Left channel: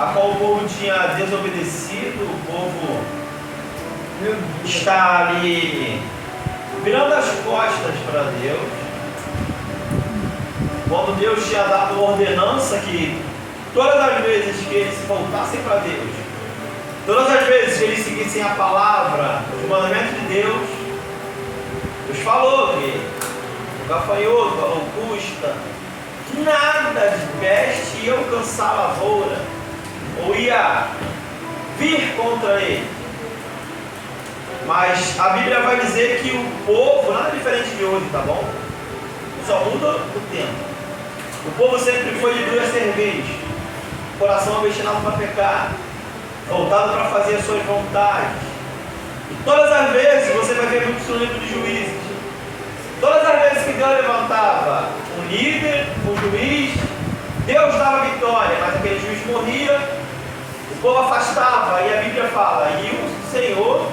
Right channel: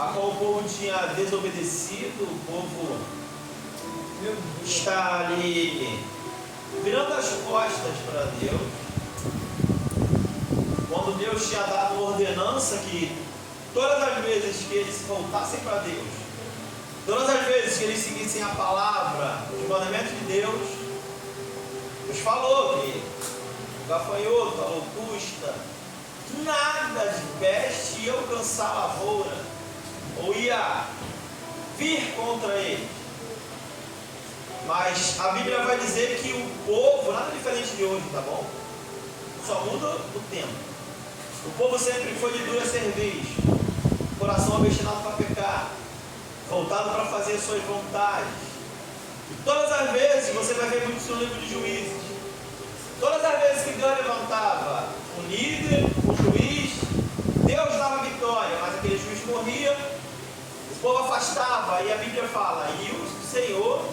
a qual o povo tinha desobedecido, o povo está ali virando as costas para Deus. Quando Deus tinha dado ordenança que todas as vezes que eles voltassem para Deus, todas as vezes que eles seguissem a palavra, os mandamentos de Deus, Deus falou que o gafanhoto, a locusta, nada de peste ia alcançar a lavoura, ou ia vir contra ele. Mas a Bíblia vai dizer que o povo, nada diferente de hoje, tá bom? Só muda o tempo. O povo sempre foi de duas cervejas, coração obstinado para pecar, voltado para fazer as suas vontades. E todas as vezes, você vai ver muito no livro de Juízes, todas as vezes que Deus levantava um líder, um juiz, Deus dava vitória, mas aquele juiz morria, o povo afastava, e a Bíblia fala, e o Senhor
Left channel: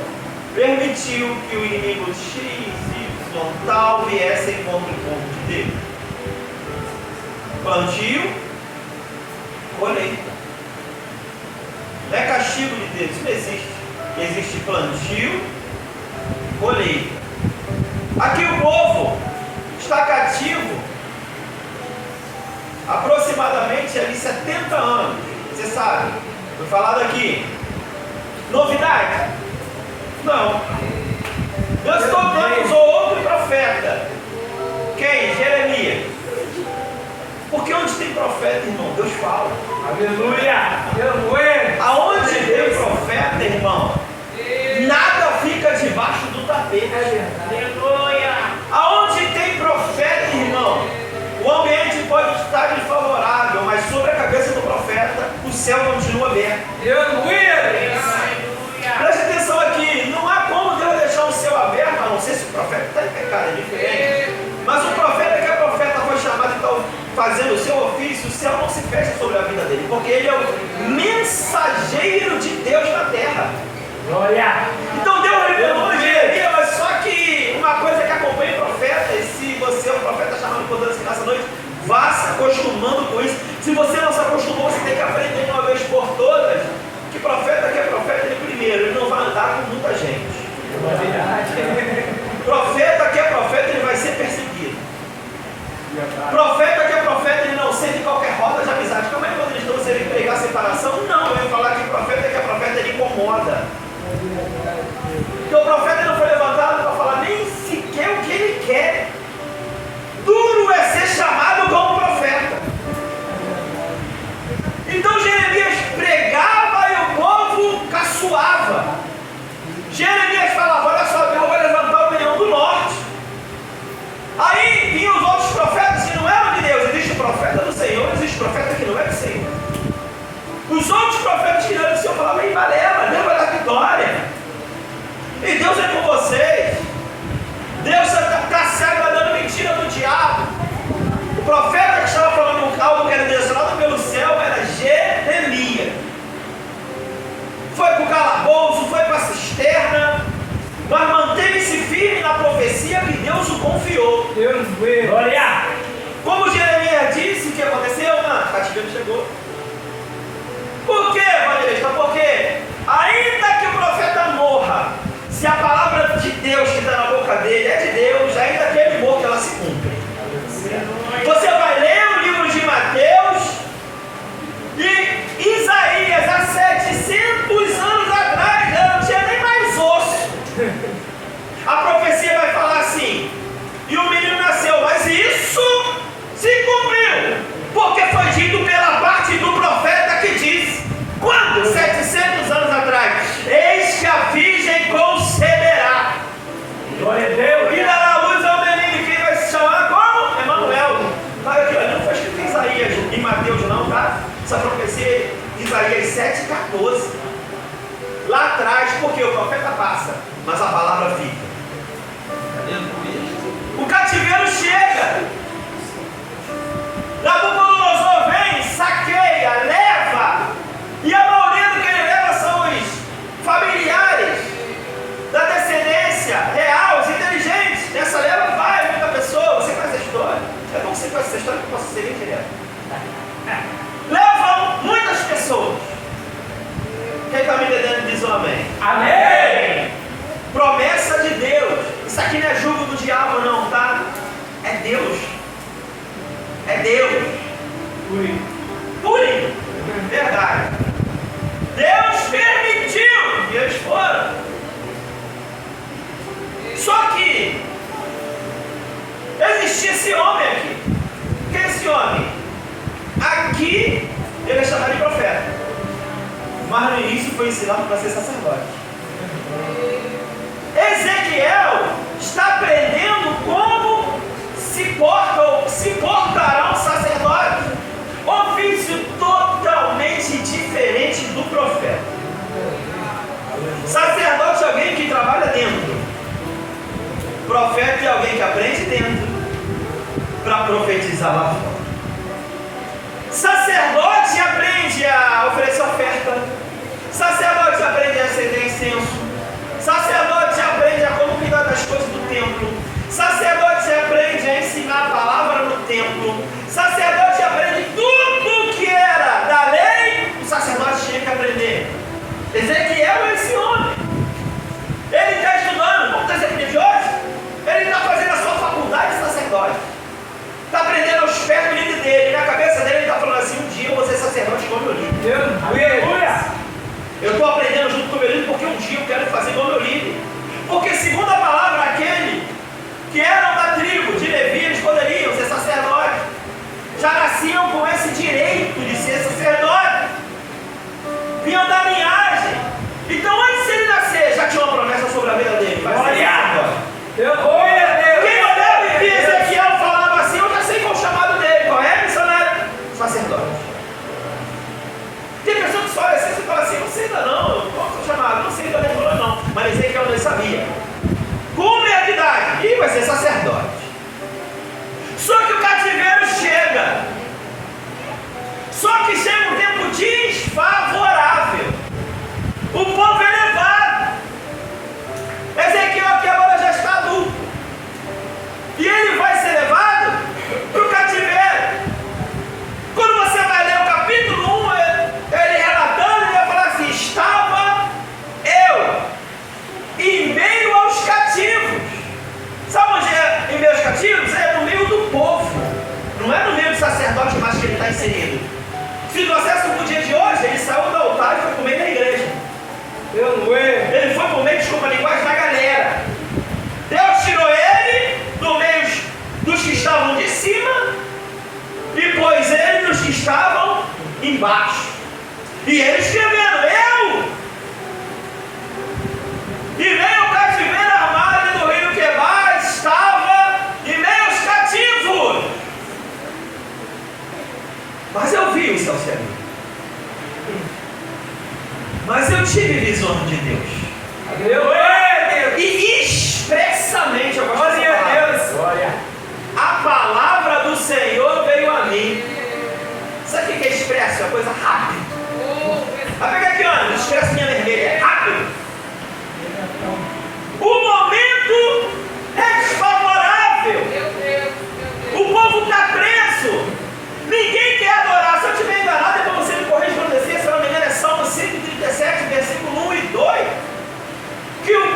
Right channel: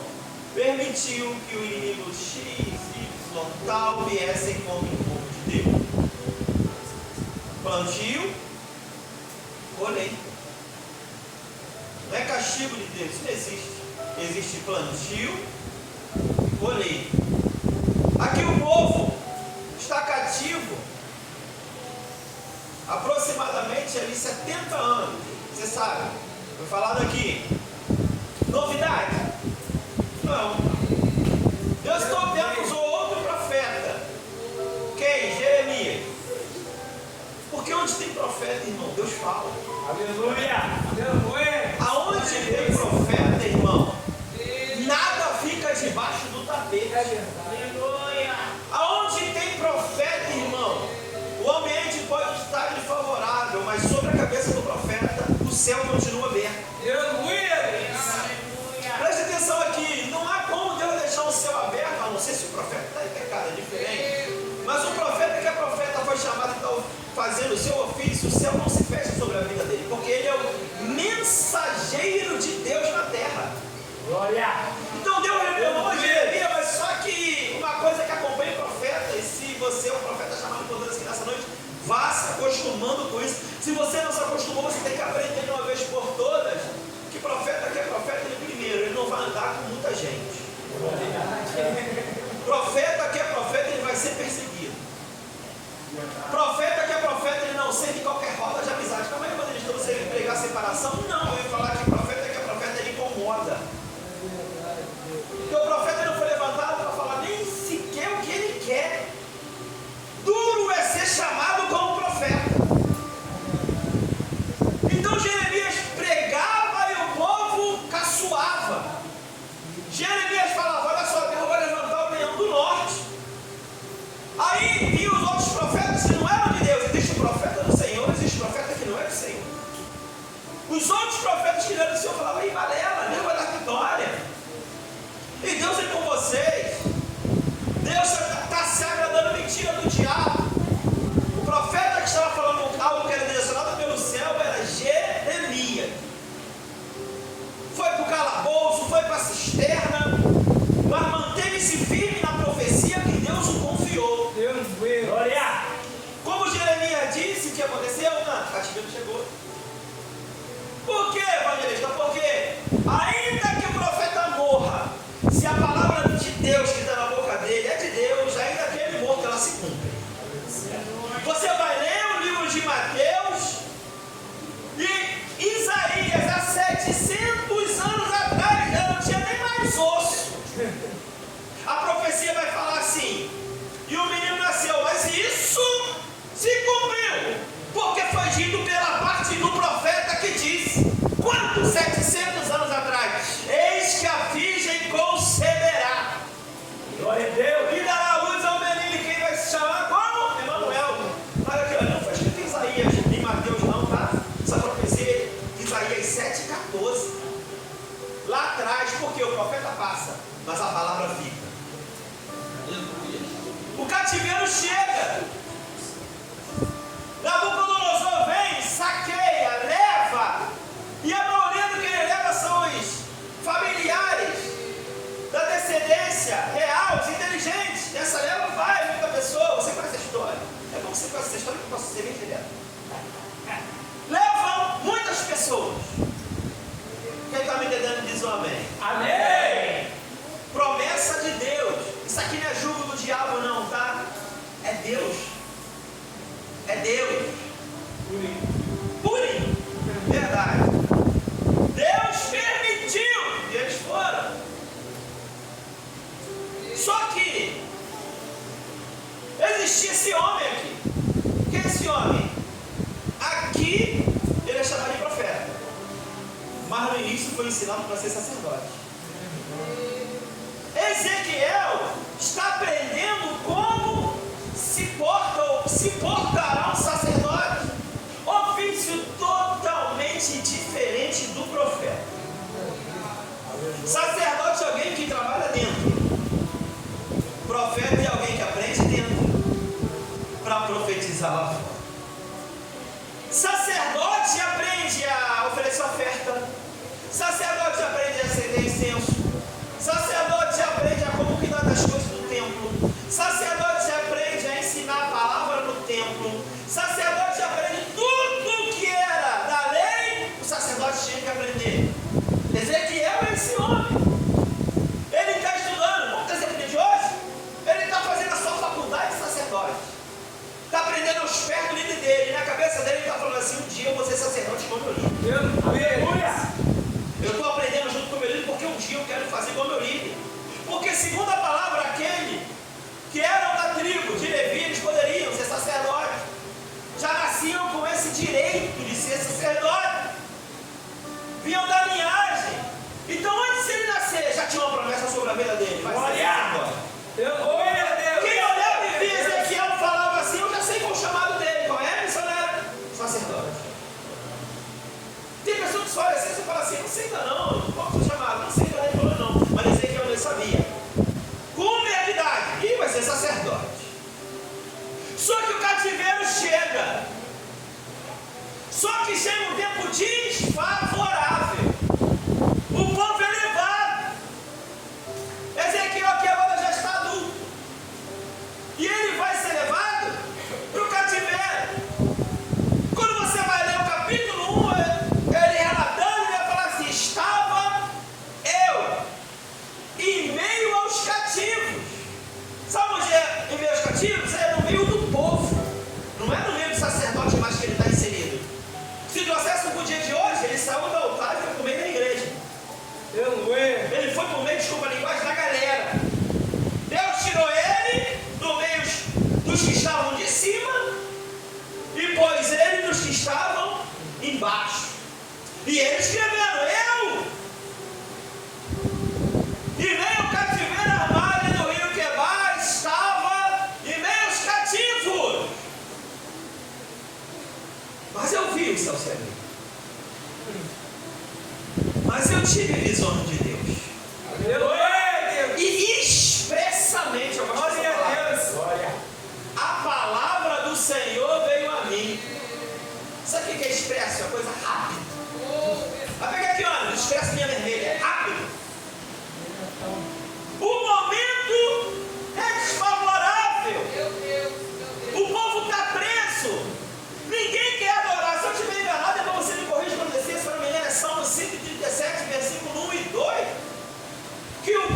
permitiu que o inimigo X, Y, tal viesse contra o povo de Deus. Plantio, colheita. Não é castigo de Deus, isso não existe. Existe plantio, colheita. Aqui o povo está cativo aproximadamente ali 70 anos. Você sabe, foi falado aqui. Novidade? Não. Deus todo tempo usou outro profeta. Quem? Jeremias. Porque onde tem profeta, irmão, Deus fala. Aleluia! Aonde tem profeta, irmão, nada fica debaixo do tapete. Aleluia! Aonde tem profeta, irmão, o ambiente pode estar desfavorável, mas sobre a cabeça do profeta, o céu continua aberto. Aleluia! Preste atenção aqui, não há como Deus deixar o céu aberto, a não ser se o profeta está em pecado, é diferente. Mas o profeta que é profeta foi chamado e está fazendo o seu ofício, o céu não se fecha sobre a vida dele, porque ele é o mensageiro de Deus na terra. Glória! Então Deus revelou em Jeremias, mas só que uma coisa que acompanha o profeta, e se você é um profeta chamado por Deus aqui nessa noite, vá se acostumando com isso. Se você não se acostumou, você tem que aprender de uma vez por todas que profeta que é profeta, ele primeiro, ele não vai andar com muita gente. Profeta que é profeta, ele vai ser perseguido. Profeta que é profeta, ele não sente qualquer roda de amizade. Como é que quando eles trouxeram ele pregar separação? Não, eu ia falar que profeta que é profeta, ele incomoda. Porque o profeta não foi levantado para falar nem sequer o que ele quer. Duro é ser chamado como profeta. Então Jeremias pregava e o povo caçoava. Jeremias falava, olha só, eu vou levantar o leão do norte. Aí vinham os outros profetas que não eram de Deus. Existe o profeta do Senhor, existe o profeta que não é do Senhor. Os outros profetas que não eram do Senhor falavam, ei, Balela, Deus vai dar vitória. E Deus é com vocês. Deus está se agradando, mentira do diabo. O profeta que estava falando algo que era direcionado pelo céu era Jeremias. Foi para o calabouço, foi para a cisterna, mas manteve-se firme na profecia que Deus o confiou. Glória! Como Jeremias disse, o que aconteceu? O cativeiro chegou. Por quê, evangelista? Porque ainda que o profeta morra, se a palavra de Deus que está na boca dele é de Deus, ainda que ele morra, ela se cumpre. Você vai ler o livro de Mateus e Isaías, há 700 anos atrás, não tinha nem mais osso. A profecia vai falar assim, e o menino nasceu, mas isso se cumpriu, porque foi dito pela parte do profeta que disse, quando? 700 anos atrás, eis que a virgem conceberá. Glória a Deus! E dará a luz ao menino, que vai se chamar como? Emanuel. Olha aqui, não foi escrito em Isaías, em Mateus não, tá? Essa profecia de Isaías 7,14. Lá atrás, porque o profeta passa, mas a palavra fica. O cativeiro chega. Nabucodonosor vem, saqueia, leva. E a maioria do que ele leva são os familiares da descendência real, os inteligentes. Nessa leva vai muita pessoa. Você conhece a história? É bom que você conhece essa história que eu posso ser direto. Levam muitas pessoas. mas no início foi ensinado para ser sacerdote. Ezequiel está aprendendo como se portarão sacerdotes. Ofício totalmente diferente do profeta. Sacerdote é alguém que trabalha dentro. Profeta é alguém que aprende dentro para profetizar lá fora. Sacerdote aprende a oferecer oferta. Sacerdote aprende a acender incenso. Sacerdote aprende a como cuidar das coisas do templo. Sacerdote aprende a ensinar a palavra no templo. Sacerdote aprende tudo que era da lei. O sacerdote tinha que aprender. Ezequiel é esse homem. Ele está estudando, como está Ezequiel de hoje? Ele está fazendo a sua faculdade de sacerdote. Está aprendendo aos pés do líder dele. E na cabeça dele ele está falando assim: um dia eu vou ser sacerdote igual meu líder. Aleluia! Eu estou aprendendo junto com o meu líder porque um dia eu quero fazer igual meu líder. Porque segundo a palavra, aquele que eram da tribo de Levi, eles poderiam ser sacerdotes. Já nasciam com esse direito de ser sacerdote. Vinham da linhagem. Então antes de ele nascer, já tinha uma promessa sobre a vida dele. Quem olhava e via Ezequiel falava assim: eu já sei qual é o chamado dele. Qual é, missionário? Sacerdote. Tem pessoas que só olham assim e falam assim: não sei ainda não, qual é o chamado? Não sei ainda não. Mas Ezequiel não sabia. Com meia idade, e vai ser sacerdote. Só que o cativeiro chega. Só que chega um tempo desfavorável. O povo é levado. Ezequiel aqui agora já está adulto. E ele vai ser levado para o cativeiro. Quando você vai ler o capítulo 1, ele relatando, ele vai falar assim: estava eu em meio aos cativos. Sabe onde é em meio aos cativos? É no meio do povo. Não é no meio do sacerdote mais que ele está inserido. Se trouxesse o dia de hoje, ele saiu do altar e foi para o meio da igreja. Ele foi para o meio, desculpa a linguagem, da galera. Deus tirou ele do meio dos que estavam de cima e pôs ele nos que estavam embaixo. E ele escrevendo: eu e meio ao cativeiro armário do rio Quebar estava em meio aos cativos. Mas eu vi o céu se abrir. Mas eu tive visão de Deus. E expressamente, eu gosto dessa palavra. A palavra do Senhor veio a mim. Sabe o que é expresso? É uma coisa rápida. Vai pegar aqui, olha, expresso minha vermelha. É rápido. O momento é desfavorável. O povo está preso. Ninguém quer adorar. Se eu estiver enganado, depois você me corrige quando descer. Se eu não me engano, é Salmo 137, versículo 1 e 2. Que o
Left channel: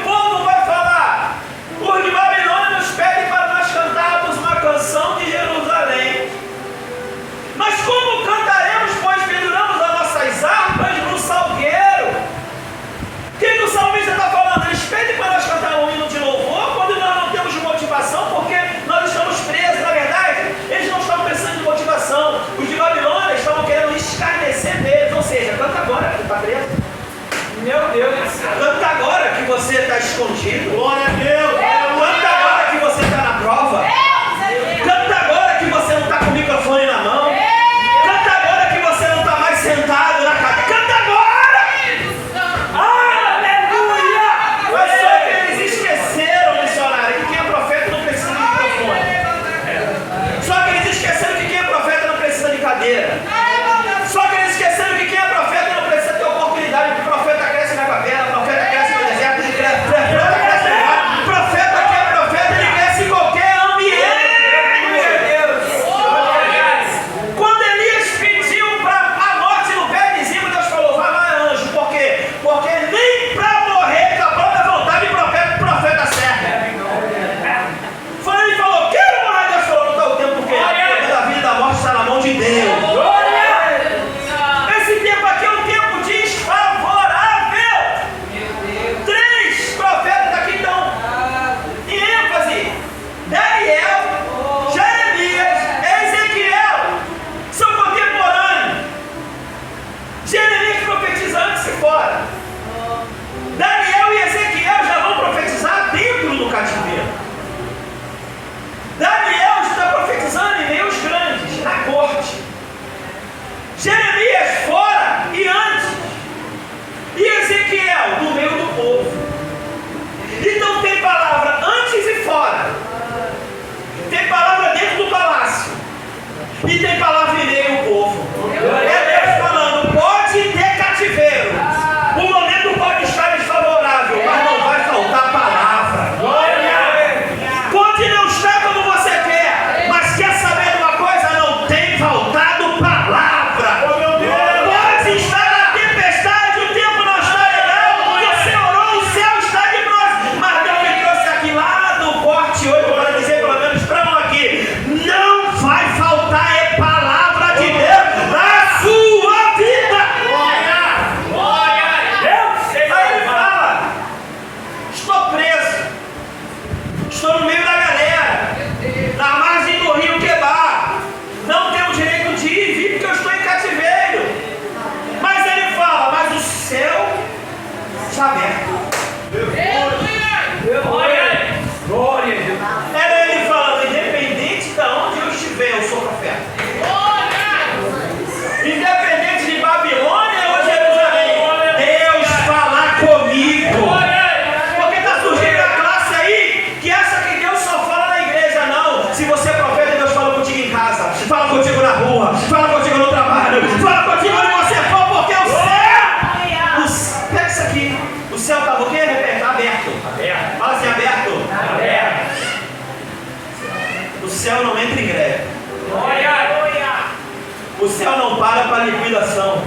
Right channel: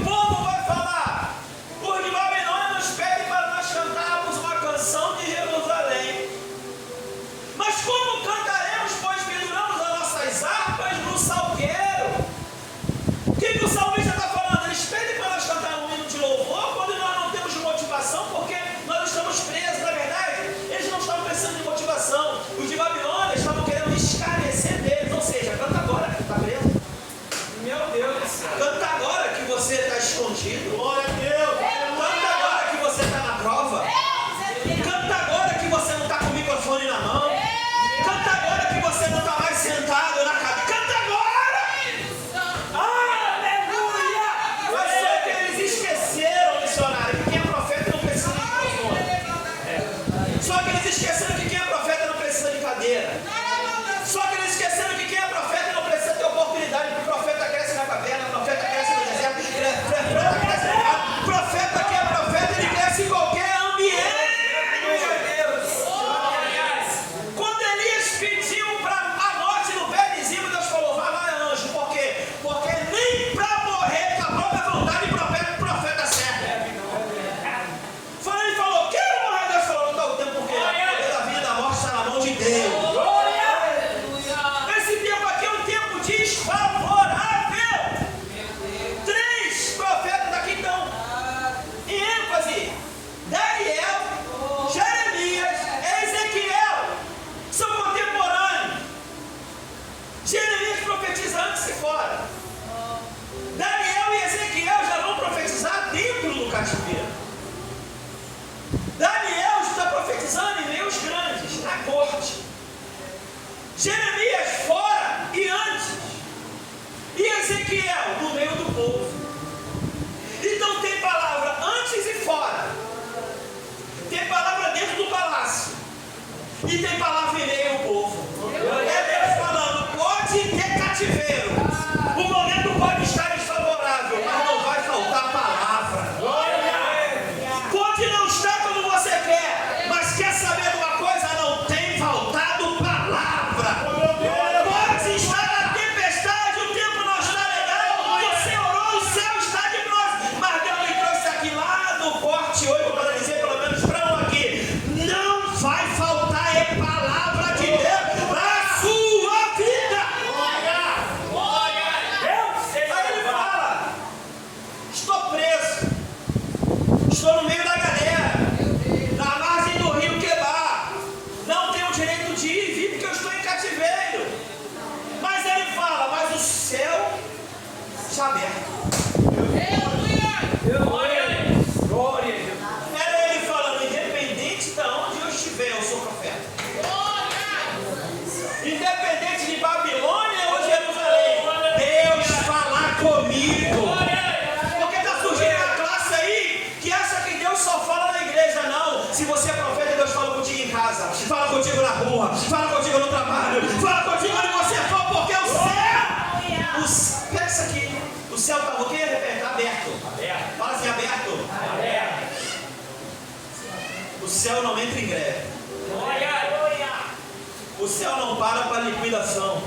organização.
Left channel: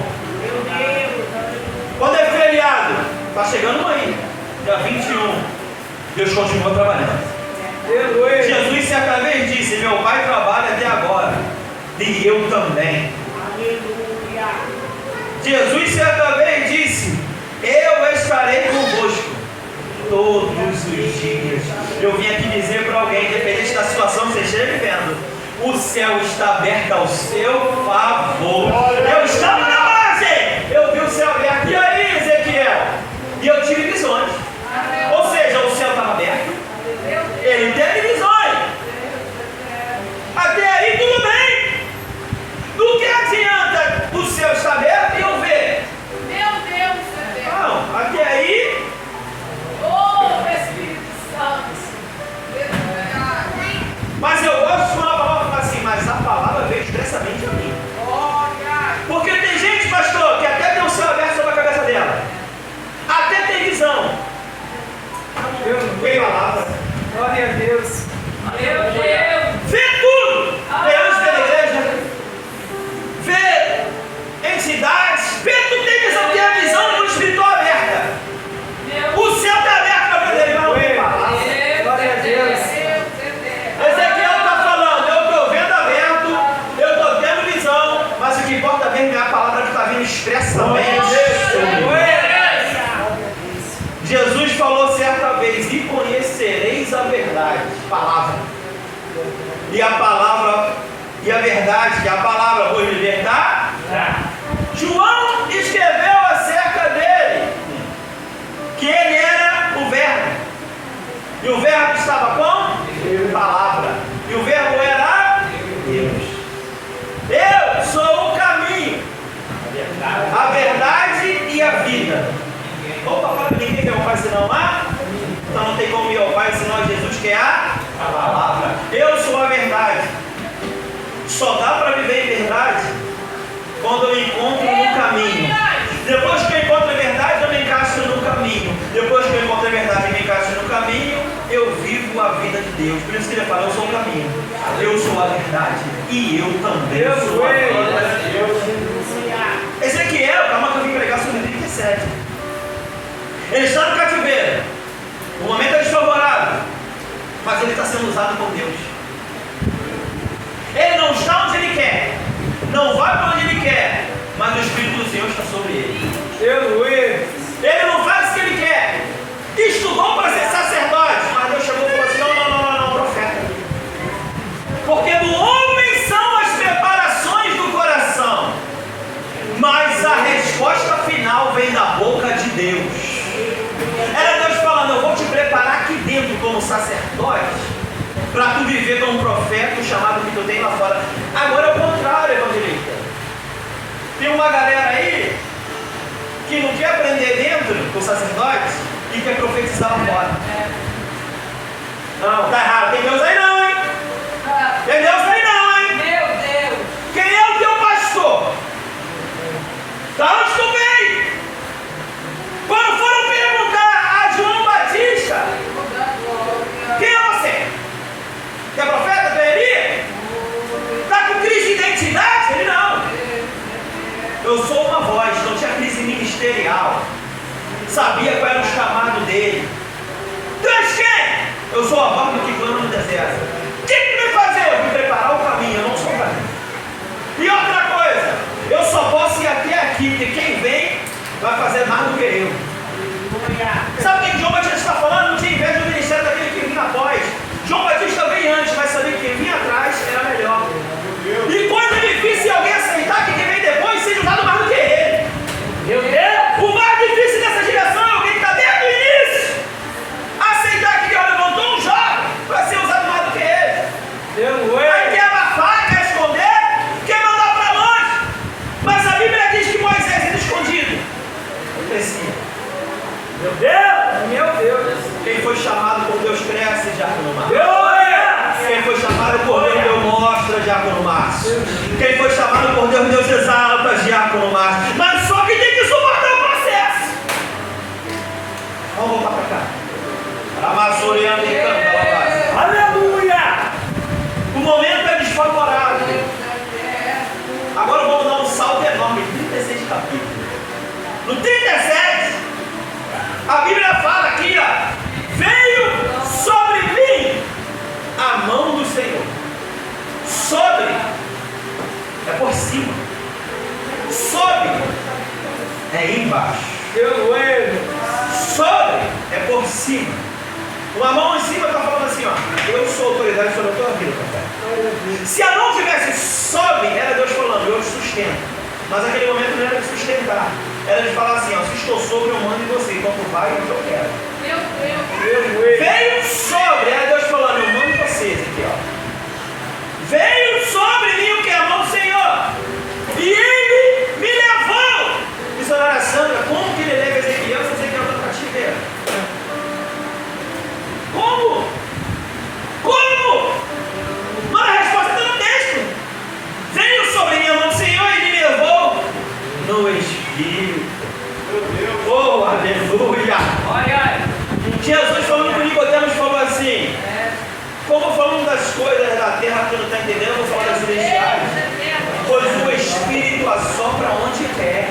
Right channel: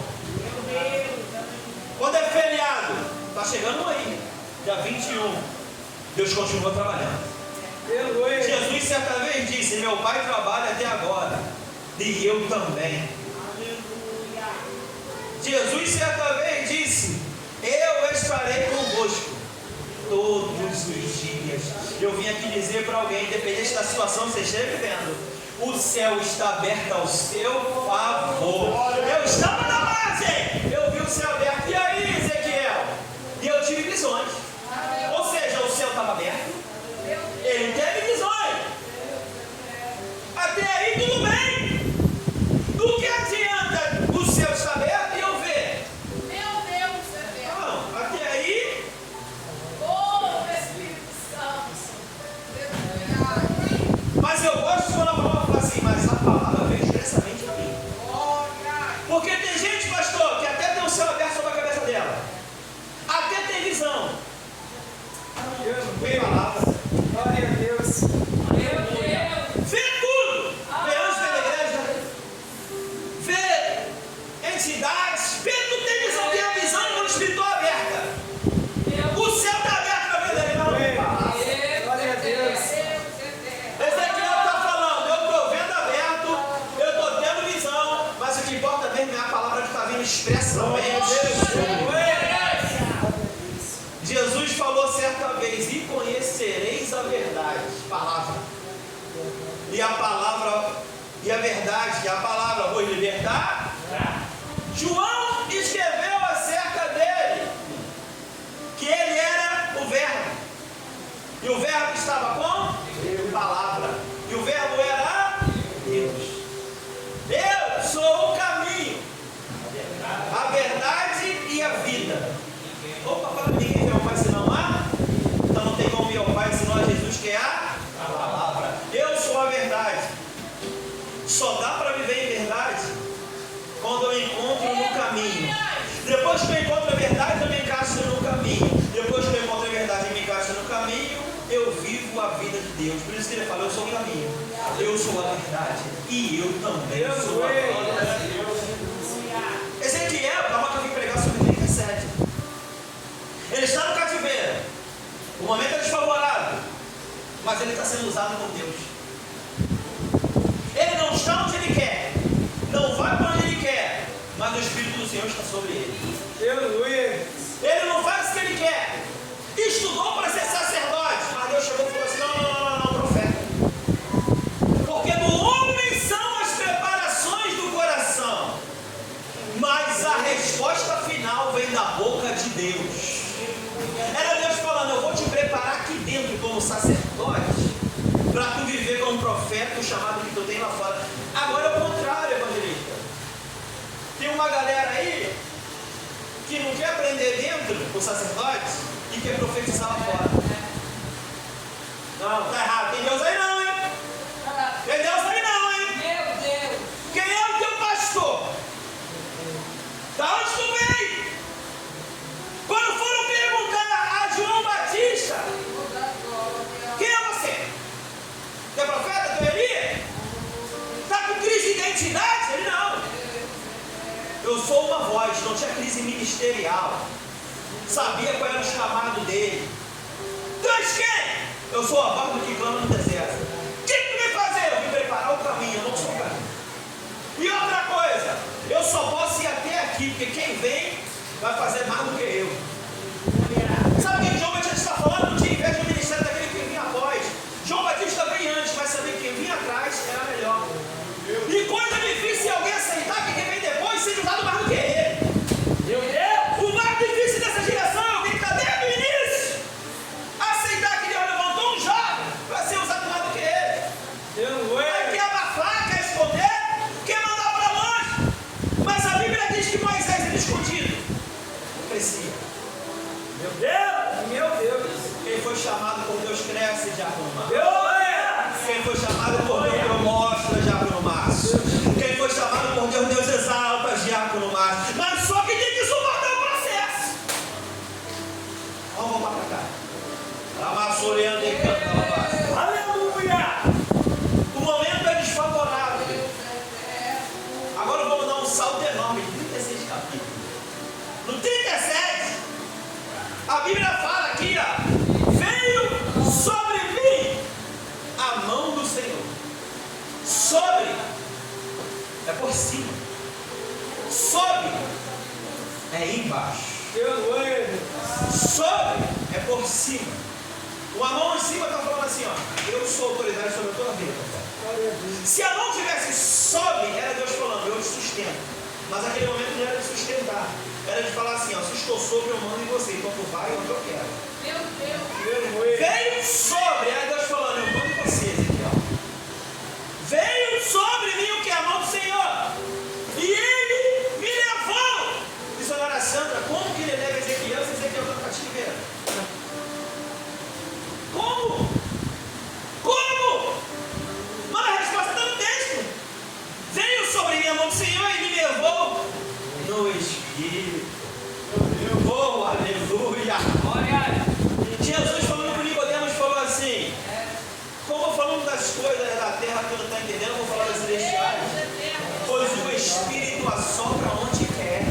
Quando é feriado, está chegando aí, dia 21, Deus continua trabalhando. Jesus certa vez disse: meu pai trabalha até agora, e eu também. Aleluia. Jesus certa vez disse: eu estarei convosco todos os dias. Eu vim aqui dizer para alguém, independente da situação que você esteja vivendo, o céu está aberto ao seu favor. Eu estava na base, eu vi o céu aberto. E aí, Ezequiel? E eu tive visões. Ou seja, o céu estava aberto. Ele teve visões. Até aí tudo bem. Do que adianta o céu estar aberto e eu ver? Meu Deus, Não, até aí. oh Espírito Santo. Mas eu gosto quando a palavra fala assim, mas a palavra veio expressamente a mim. Olha. Porque tem gente, pastor, que até tem o céu aberto sobre a cabeça dela. Até tem visão. Tem palavra. Glória a Deus. Meu Deus. Vê tudo. Vê anjos da igreja. Vê entidades. Vê tudo, tem visão. Tem a visão do espiritual aberta. O céu está aberto para ver ele. Não tem palavra. Glória a Deus. Ezequiel está falando, eu estou vendo aberto, eu estou tendo visão, mas o que importa mesmo é a palavra que está vindo expressamente. Jesus falou certa vez: e conhecereis a verdade, palavra. E a palavra, e a verdade, que a palavra vos libertar. João escreveu acerca dele, que ele era o verbo. E o verbo estava com palavra. E o verbo era Deus. Eu sou o caminho, a verdade e a vida. Opa, fala que ninguém quer ao Pai senão a. Então não tem como ir ao Pai senão a Jesus, que é a palavra. Eu sou a verdade. Só dá para viver em verdade quando eu encontro no caminho. Depois que eu encontro a verdade, eu me encaixo no caminho. Depois que eu encontro a verdade e me encaixo no caminho, eu vivo a vida de Deus. Por isso que ele fala: eu sou o caminho, eu sou a verdade e eu também sou a vida. Ezequiel, calma que eu vim pregar sobre 37. Ele está no cativeiro, o momento é desfavorável, mas ele está sendo usado por Deus. Ele não está onde ele quer, não vai para onde ele quer, mas o Espírito do Senhor está sobre ele. Ele não faz o que ele quer. Estudou para ser sacerdote, mas Deus chegou e falou assim: não, profeta. Porque do homem são as preparações do coração, mas a resposta final vem da boca de Deus. Era Deus falando: eu vou te preparar aqui dentro como sacerdote, para tu viver como profeta, o chamado que tu tem lá fora. Agora é o contrário, evangelista. Tem uma galera aí que não quer aprender dentro com sacerdotes e quer profetizar lá fora. Não, tá errado. Tem Deus aí não, hein? Tem Deus aí não, hein? Meu Deus. Quem é o teu pastor? Da onde tu vem? Quando foram perguntar a João Batista: quem é você? Que é profeta? Que é Elias? Está com crise de identidade? Ele não. Eu sou uma voz, não tinha crise ministerial. Sabia qual era o chamado dele. Tu és quem? Eu sou a voz do que clama no deserto. O que tu vai fazer? Eu vim preparar o caminho, eu não sou o caminho. E outra coisa, eu só posso ir até aqui, porque quem vem vai fazer mais do que eu. Sabe o que João Batista está falando? Não tinha inveja do ministério daquele que vinha após. João Batista veio antes, mas sabia que quem vinha atrás era melhor. E coisa difícil é alguém aceitar que quem vem depois seja usado mais do que ele. Meu Deus. O mais difícil dessa geração é alguém que está desde o início aceitar que Deus levantou um jovem para ser usado mais do que ele. Aí quer abafar, quer esconder, quer mandar para longe. Mas a Bíblia diz que Moisés era escondido. Crescia. Meu Deus. é embaixo. Sobre é por cima. Uma mão em cima está falando assim, ó, eu sou autoridade sobre a tua vida, papai. Se a mão tivesse sobe, era Deus falando, eu te sustento. Mas naquele momento não era de sustentar. Era de falar assim, ó, se estou sobre, eu mando em você. Então tu vai, é o que eu quero. Meu Deus. Veio sobre, era Deus falando, eu mando em você, Ezequiel. Veio sobre mim o que? A mão do Senhor. E ele me levou. Missionária Sandra, como que ele leva Ezequiel se Ezequiel está no cativeiro? Como? Como? Mas a resposta está no texto. Veio sobre mim a mão do Senhor e me levou no Espírito. Oh, aleluia. Olha. Jesus falando com Nicodemos falou assim, como falando das coisas da terra que não está entendendo, eu vou falar das celestiais. Pois o Espírito assopra onde quer.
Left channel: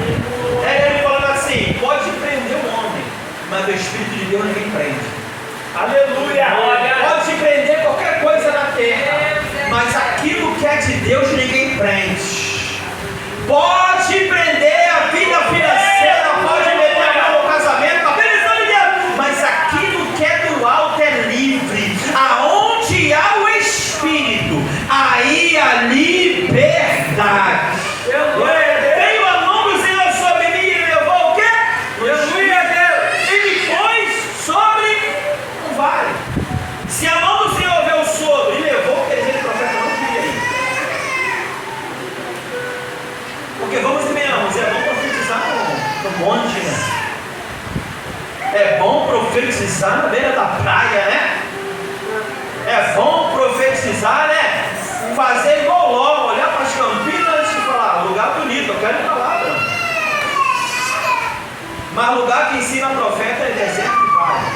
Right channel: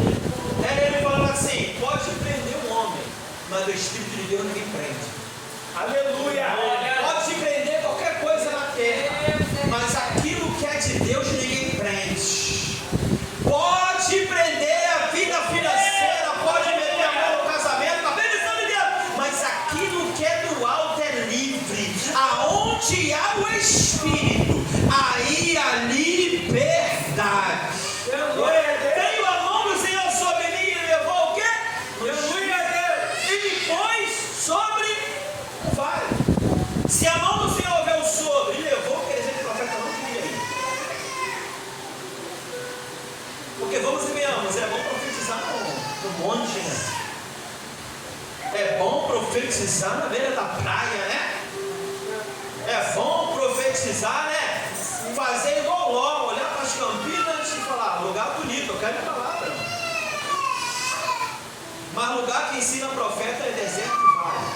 Ele falando assim, pode prender o homem, mas o Espírito de Deus ninguém prende. Aleluia! Pode prender qualquer coisa na terra, mas aquilo que é de Deus ninguém prende. Pode prender a vida financeira, pode meter a mão no casamento, a bênção de Deus, mas aquilo que é do alto é livre. Aonde há o Espírito, aí há liberdade. Veio a mão do Senhor sobre mim e levou o quê? Ele pôs sobre o vale. Se a mão do Senhor veio sobre e levou, quer dizer que o profeta não queria ir. Porque vamos e venhamos, é bom profetizar no monte, né? É bom profetizar na beira da praia, né? É bom profetizar, né? Fazer igual Ló, olhar para as Campinas e falar, lugar bonito, eu quero ir para lá, mano. Mas lugar que ensina profeta é deserto e vale.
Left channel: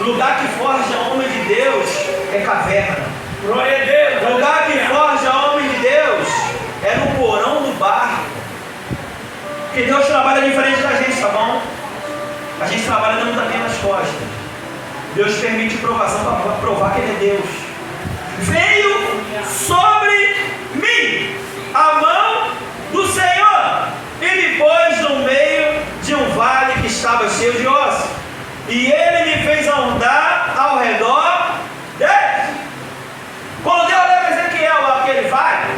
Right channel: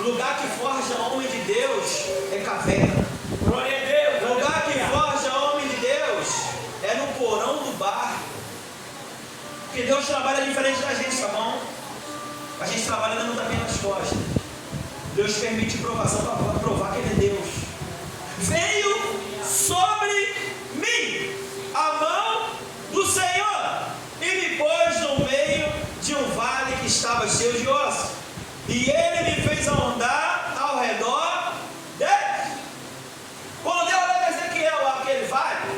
Lugar que forja homem de Deus é caverna. Glória a Deus. Lugar que forja homem de Deus é no porão do barro. Porque Deus trabalha diferente da gente, tá bom? A gente trabalha dando tapinha nas costas. Deus permite provação para provar que Ele é Deus. Veio sobre mim a mão do Senhor e me pôs no meio de um vale que estava cheio de ossos. E Ele me fez andar ao redor dele. Quando Deus leva Ezequiel lá que ele vai,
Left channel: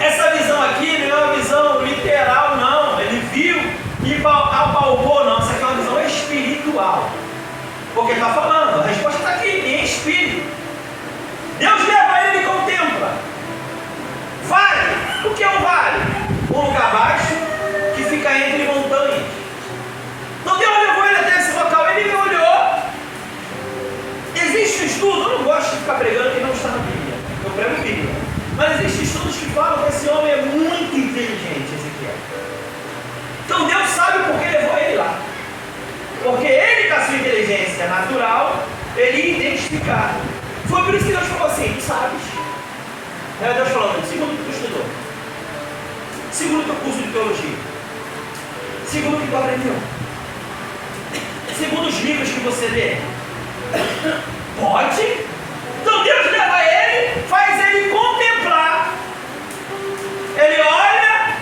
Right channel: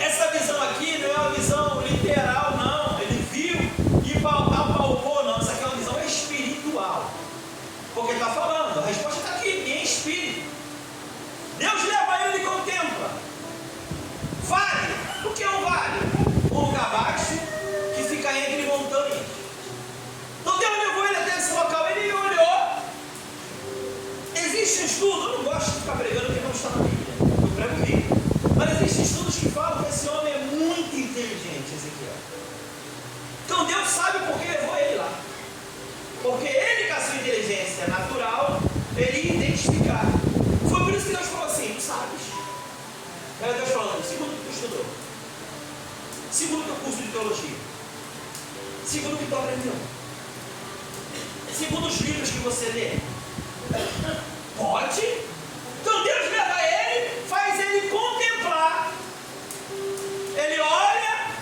essa visão aqui não é uma visão literal, não. Ele viu e apalpou, não. Isso aqui é uma visão espiritual. Porque está falando, a resposta está aqui, em espírito. Deus leva ele e contempla. Vale. O que é um vale? Um lugar baixo que fica entre montanhas. Então Deus levou ele até esse local, ele me olhou. Existe um estudo, eu não gosto de ficar pregando que não está na Bíblia. Eu prego Bíblia. Mas existem estudos que falam que esse homem é muito inteligente, Ezequiel. Então Deus sabe por que levou ele lá. Porque ele, com a sua inteligência natural, ele ia identificar. Foi por isso que Deus falou assim, tu sabes. Era Deus falando, segundo o que tu estudou. Segundo o teu curso de teologia. Segundo o que tu aprendeu. Segundo os livros que você lê. Pode? Então Deus leva ele, faz ele contemplar. Ele olha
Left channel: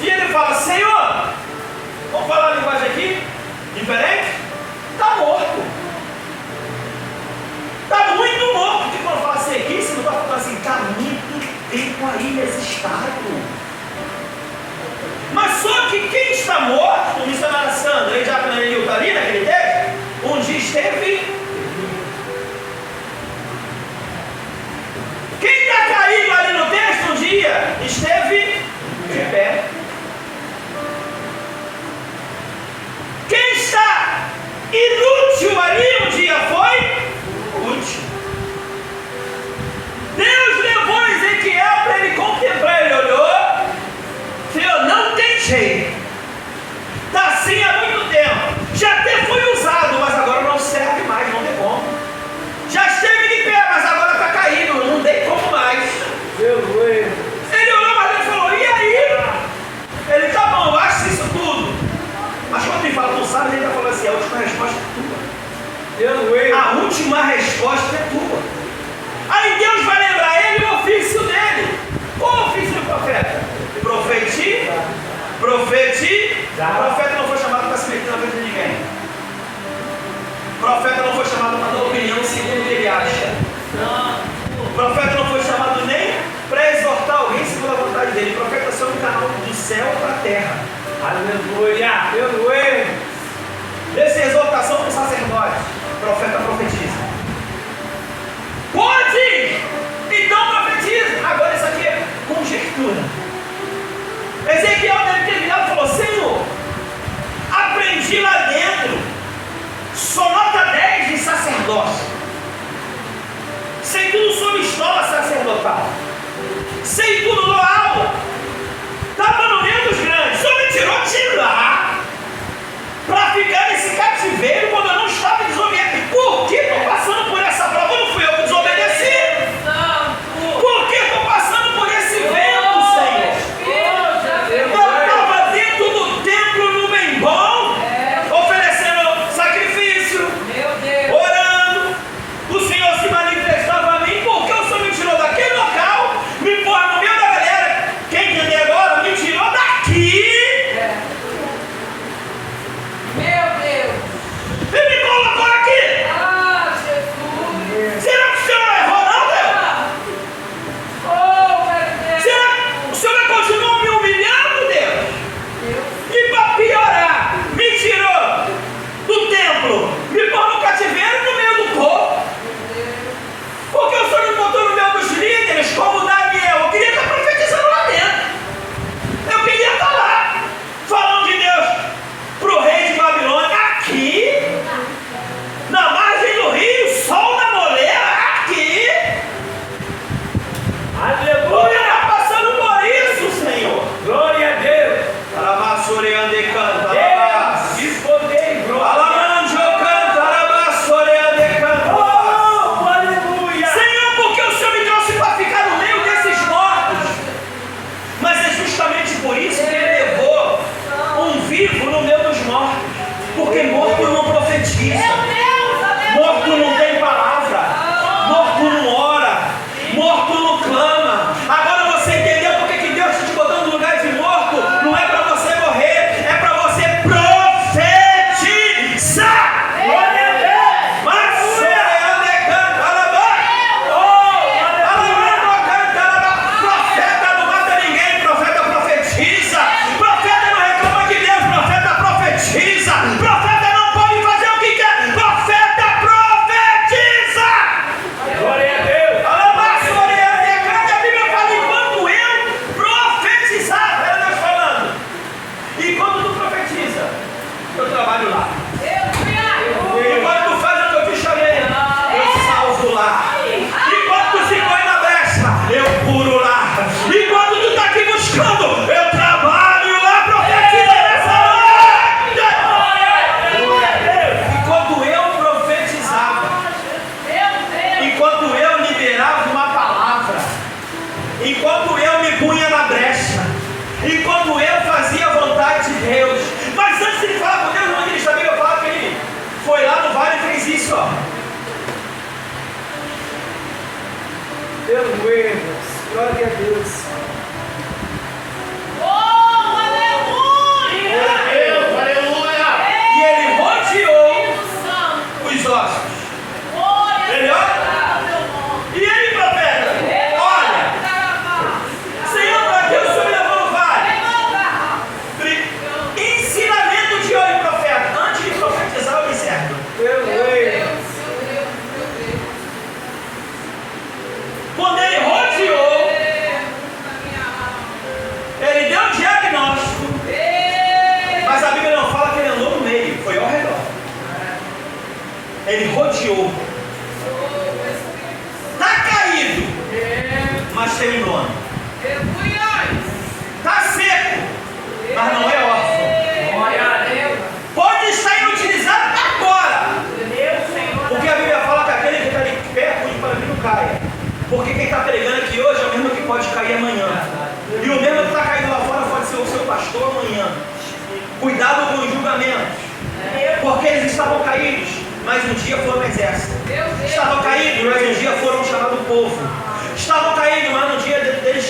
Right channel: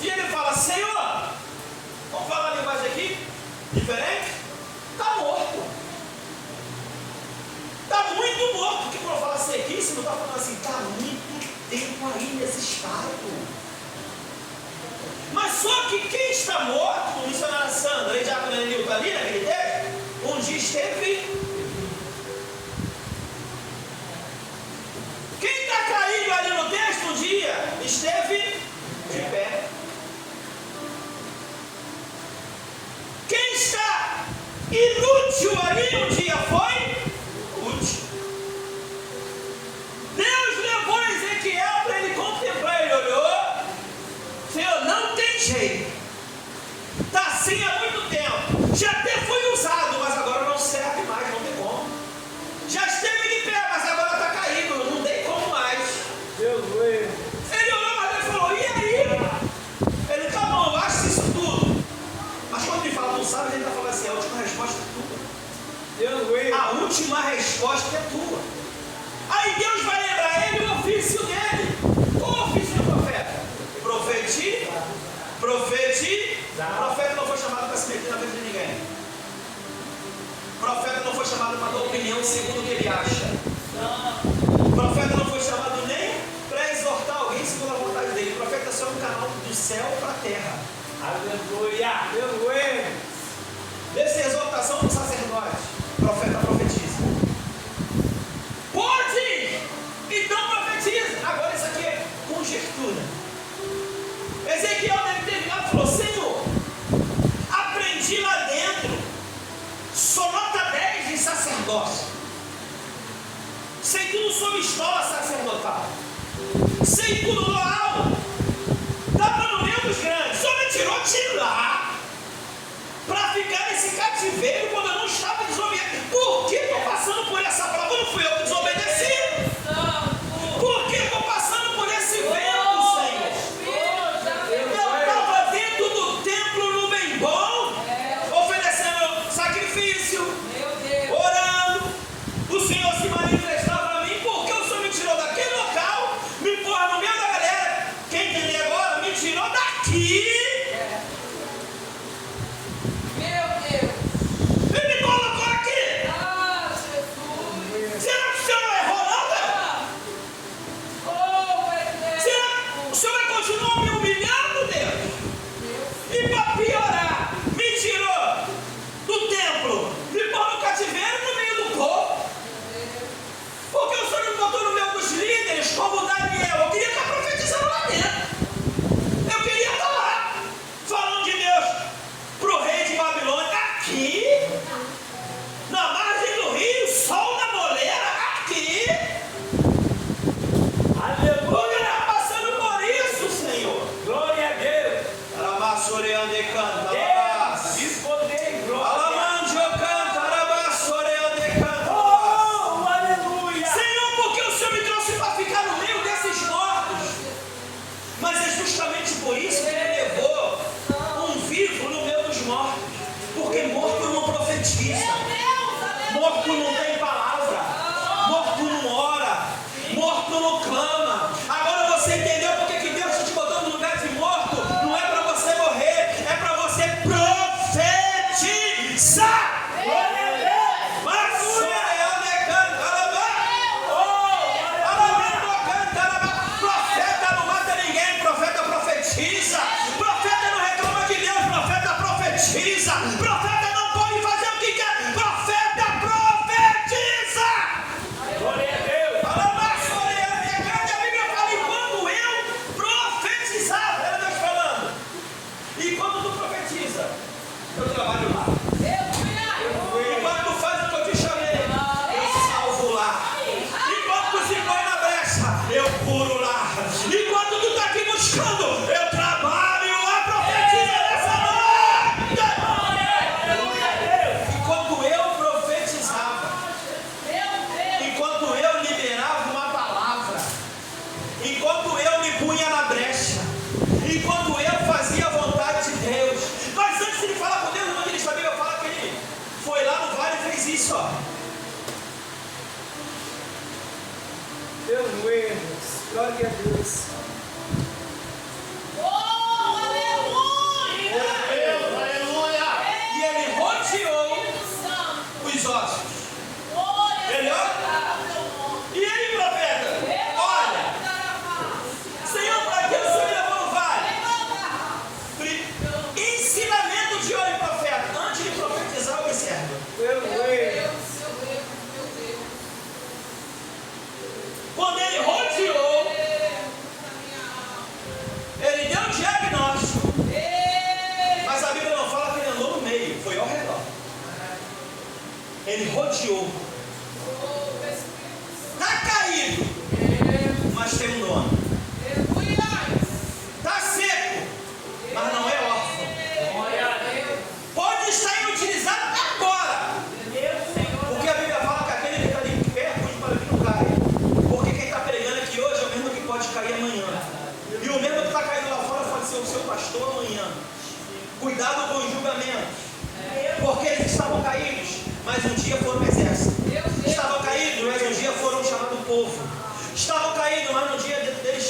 e ele fala, Senhor, vamos falar a linguagem aqui? Diferente? Está morto. Está muito morto. Porque quando fala sequíssimo, está falando assim, está muito tempo aí nesse estado. Mas só que quem está morto, o missionário Sandra e Diácono Enil está ali naquele texto, um dia esteve. Quem está caído ali no texto um dia esteve de pé. Quem está inútil ali um dia foi útil. Deus levou Ezequiel para ele contemplar. Ele olhou, Senhor, não tem jeito. Está assim há muito tempo. Já até foi usado, mas agora não serve céu para a terra. Aleluia. Aleluia. Essa é a exortação do sacerdote. O profeta profetiza. Pode! Então profetiza. Agora isso aqui é conjectura. Ezequiel deve ter virado e falou: Senhor, aprendi lá dentro, só nota 10 de sacerdócio. Sei tudo sobre escola sacerdotal. Sei tudo no alto. Estava no meio dos grandes. Só me tirou de lá para ficar nesse cativeiro quando eu não estava desobedecendo. Por que estou passando por essa prova? Não fui eu que desobedeci. Por que estou passando por esse vento, Senhor? Eu estava dentro do templo no bem bom, oferecendo sacrifício, orando. O Senhor se manifestava a mim. Por que o Senhor me tirou daquele local, me pôs no meio da galera? Quem entender agora, me tirou daqui e me colocou aqui. Será que o Senhor não errou, não, Deus? Será que o Senhor continua me humilhando, Deus? E para piorar, me tirou do templo, me pôs no cativeiro no meio do povo. Porque o Senhor me botou no meio dos líderes, como Daniel. Eu queria estar profetizando lá dentro. Eu queria estar lá, falando de Deus para o rei de Babilônia, aqui, na margem do rio, sol na moleira, aqui. Aleluia! Está passando por isso, Senhor. Glória a Deus. Arabassoreande canta, Deus de poder e glória. Alamanjo canta, arabassoreande canta. Oh, aleluia. Senhor, porque o Senhor me trouxe para ficar no meio desses mortos. Mas é justamente por isso que Ele levou um vivo no meio dos mortos. Porque morto não profetiza, morto não tem palavra, morto não ora, morto não clama. Agora você entendeu por que Deus está te botando no lugar de morto? Não é para você morrer, é para você profetizar. Glória a Deus. Mas profeta não mata ninguém, profeta profetiza. Profeta não reclama de Deus, profeta profetiza. Profeta não pode fazer o que quer, profeta profetiza. Glória a Deus. A Bíblia fala: enquanto eu profetizava, era Deus falando. E quando tu profetiza, eu trabalho lá. E quando tu faz o que eu te chamei, eu salvo lá. E quando tu se põe na brecha, eu curo lá. E quando tu está aqui buscando, eu trabalho lá. Profetiza nessa noite. Enquanto eu profetizava, enquanto eu liberava uma palavra, enquanto eu me punha na brecha, enquanto eu fazia a vontade de Deus. Mas antes de ele falar com Deus, no início da Bíblia fala que ele foi lá no vale e fez isso, ó. Aleluia. Glória a Deus. E ele rodeou os ossos. Melhor? E ele, profeta, olha, Senhor, para que o Senhor me levou no vale? Ensinamento de hoje, profeta. Antes de profetizar, eu observo. Aleluia. Quando ele rodeou, ele deu um diagnóstico. Mas a Bíblia não fala que ele andou no meio, foi ao redor. Ele rodeou. Está caído, mas tem um dono. Está seco, mas não é órfão. Glória a Deus. Pode estar inutilizado agora. Senhor. Porque a Bíblia fala que aquele que está de pé, cuide para que não caia. Porque quem está pregando aqui hoje é o mesmo que pode cair amanhã. E o mesmo que está caindo lá fora pode ser o seu pastor amanhã. Cuidado com os julgamentos. Porque eles estavam caídos, mas um dia foram exército. Estavam caídos, mas um dia foram chamados povo. Estavam caídos, mas um dia deles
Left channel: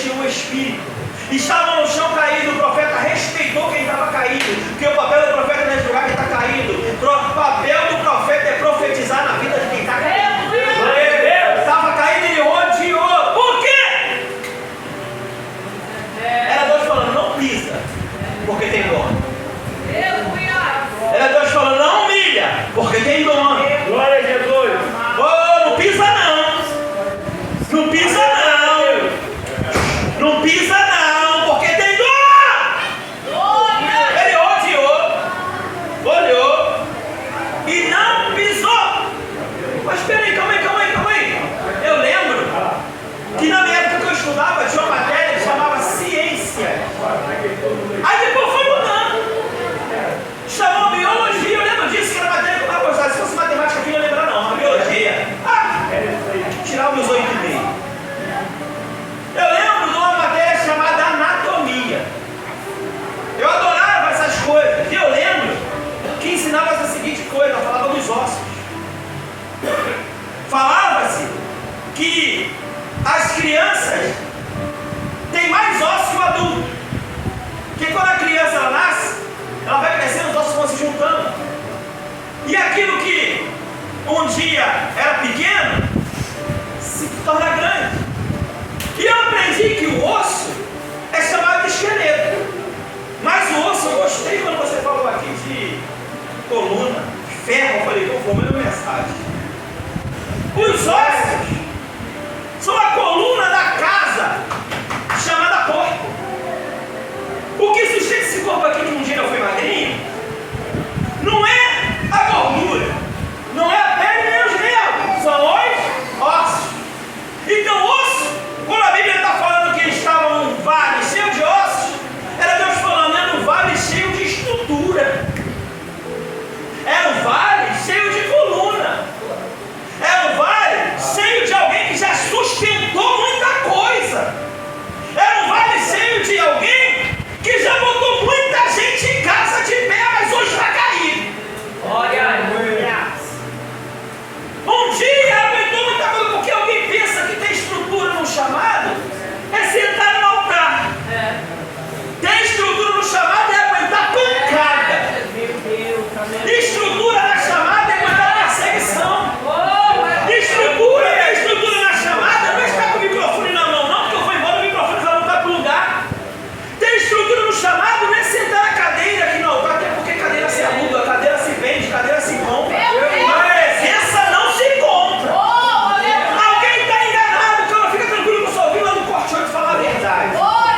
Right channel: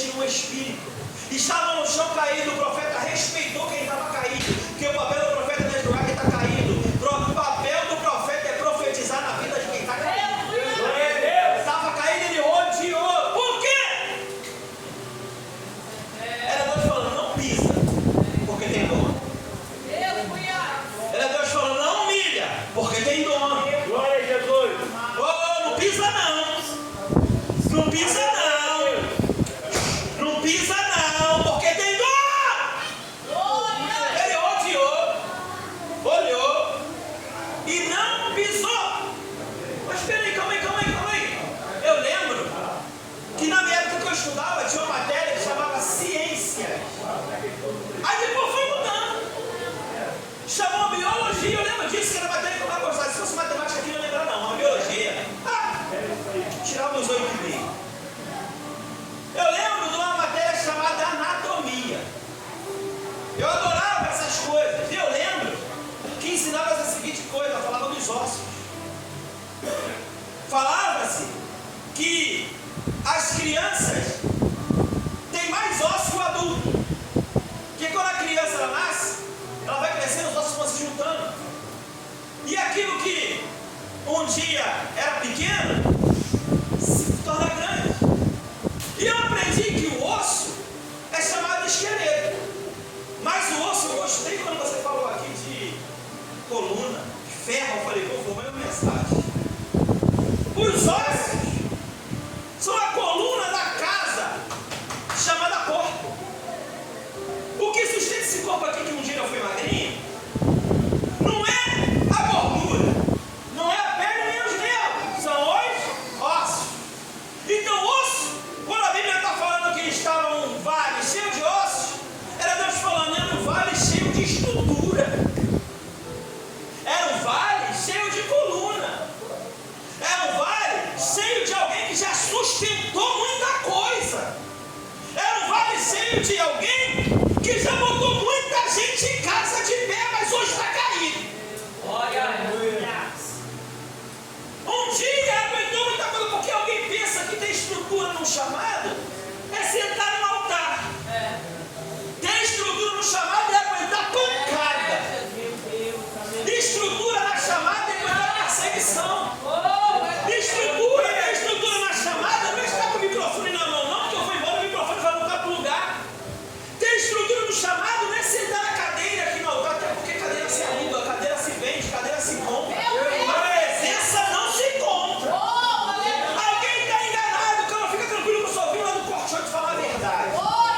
coisa, ela falava dos ossos. Falava-se que as crianças têm mais ossos que o adulto. Porque quando a criança ela nasce, ela vai crescendo, os ossos vão se juntando. E aquilo que um dia era pequeno, se torna grande. E eu aprendi que o osso é chamado de esqueleto. Mas o osso, eu gostei quando você falou aqui de coluna, de ferro. Eu falei, vou formar uma mensagem. Os ossos